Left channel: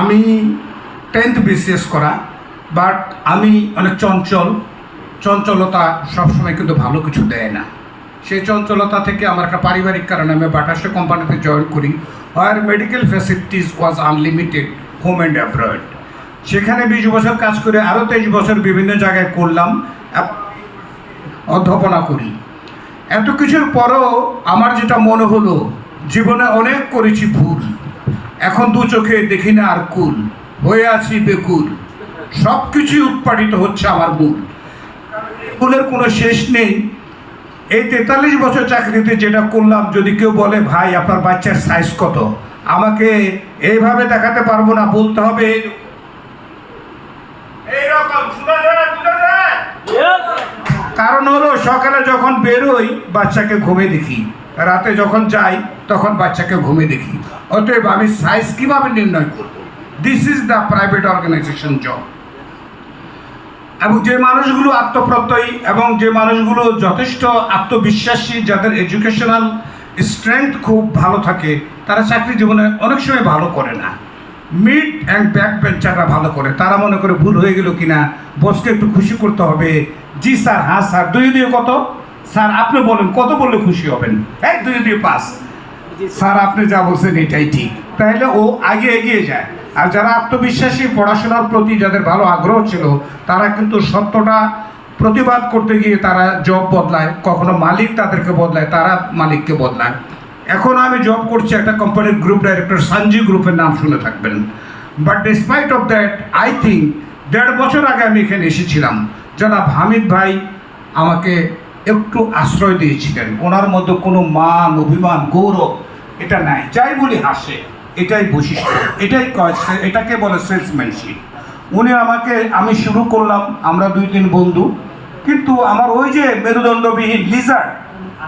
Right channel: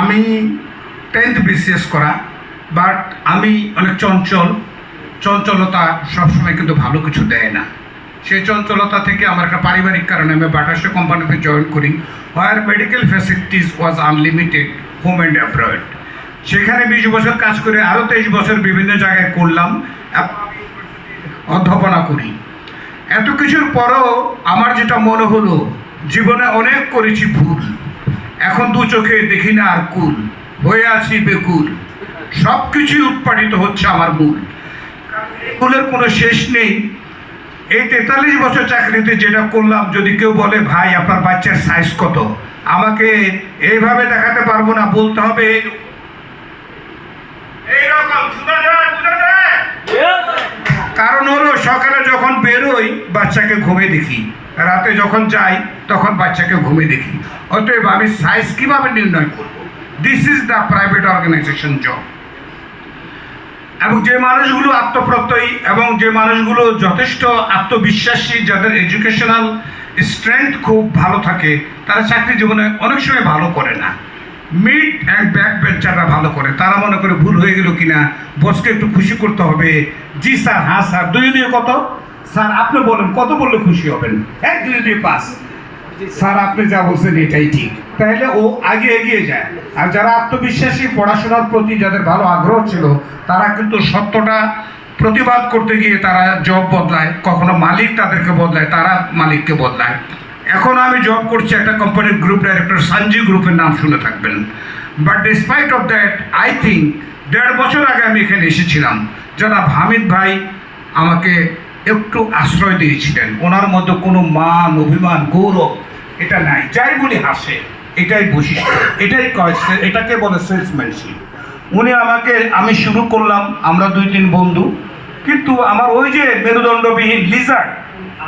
আমি 10th BCS করা, but আমি অনেক চঞ্চলতা সবসময় কিন্তু ভালো কিছু দেয় না। সেই চঞ্চলতা থেকে আমার একটা পারিবারিক কারণে আমি বাটাসা কোম্পানিতে জয়েন করি, where medical facilities was unlimited home and abroad. সেখানে 20 বছর কাজ করে আরও 23 বছর বিভিন্ন জায়গায় করলাম, অধ্যাপনা করি। এত কিছুর পরেও আমার যেটা মনে হলো, জীবনে অনেক করেছি ভুল, এখন দু চোখে দেখি না আর কুল, হয়ে আছি বেকুল, সব কিছুই উৎপাদিত হচ্ছে আমার মূল। ভুলের কোনো শেষ নেই। এই 43 বছর চাকরিতে যেটা করলাম, যদি কেউ বলে ভাই আপনার বাচ্চার সাইজ কত, আমাকে এইভাবে দেখাতে পারবো না, বলতে হবে এইরকম। কারণ হলো সকালে যখন বেরোই বাচ্চাকে ঘুমে দেখি, রাতে যখন যাই তখন বাচ্চাকে ঘুমে দেখি। অতএব আমি সাইজ কিভাবে নির্ণয় করব? This is the private organization job. এবং যে মানুষগুলো আত্মপ্রত্যয়ী এবং যে মানুষগুলো যথেষ্ট আত্মবিশ্বাসী, যাদের এডুকেশনাল স্ট্রেংথ খুব ভালো থাকে, তারা চাকরি জীবনে অনেক সময় ভালো করে না। মিড অ্যান্ড ব্যাক বেঞ্চাররা ভালো করে। তারা মনে করে ভুল হয়ে গেল কিনা, বসকে একটু খুশি করতে হবে। জি স্যার, হ্যাঁ স্যার, 2 দিয়ে কত? স্যার আপনি বলেন কত বললে খুশি হবেন? 1 2 দিয়ে 5। স্যার আপনি যা বলছেন এটাই ঠিক। তাহলে ও আগে এগিয়ে যায়। আর যারা আত্মবিশ্বাসী, পড়াশোনার প্রতি যাদের ভালো আগ্রহ ছিল, তারা কিন্তু সত্যটা প্রতিবাদ করতে গিয়ে তারা জব বদলায়, কখনো মালিক তাদেরকে বদলায়, তারা মালিককে বদলায়। এখন আমি জব করছি একটা কোম্পানির গ্রুপ ডাইরেক্টর, সানজি গ্রুপের নাম শুনে থাকবেন। But despite of that, I think 1.5 বছর আগে আমি এখানে এসেছিলাম, জনাব হামিদ ভাই আমাকে একটু আশ্রয় দিয়েছিলেন। ওনার মধ্যে কোনো মান, অভিমান, গৌরব এটা নাই, যাই বলি হাসে, এটাই বৈশিষ্ট্য, এটাই এটাকে বলে সেলসম্যানশিপ। উনি আমাকে, আমি শুরু করলাম, আমরা 2-3 বন্ধু, কিন্তু আমার ওই যে মেরুদণ্ডবিহীন লিজার্ড,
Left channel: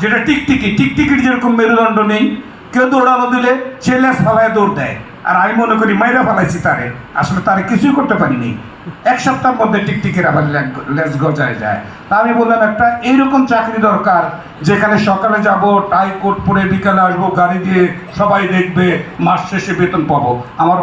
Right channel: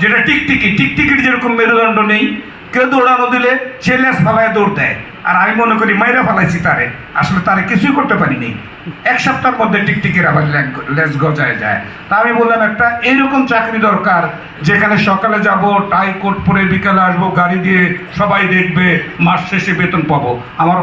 যেটা টিকটিকির যেরকম মেরুদণ্ড নেই, কেউ দৌড়ানো দিলে সে লেজ ফালায় দৌড় দেয়, আর আমি মনে করি মাইরা ফালাইছি তারে, আসলে তারে কিছুই করতে পারিনি। 1 সপ্তাহের মধ্যে টিকটিকির আবার লেজ গজায় যায়। তা আমি বললাম একটা এইরকম চাকরি দরকার, যেখানে সকালে যাব, টাই কোট পরে, বিকালে আসবো, গাড়ি দিয়ে সবাই দেখবে, মাস শেষে বেতন পাবো। আমার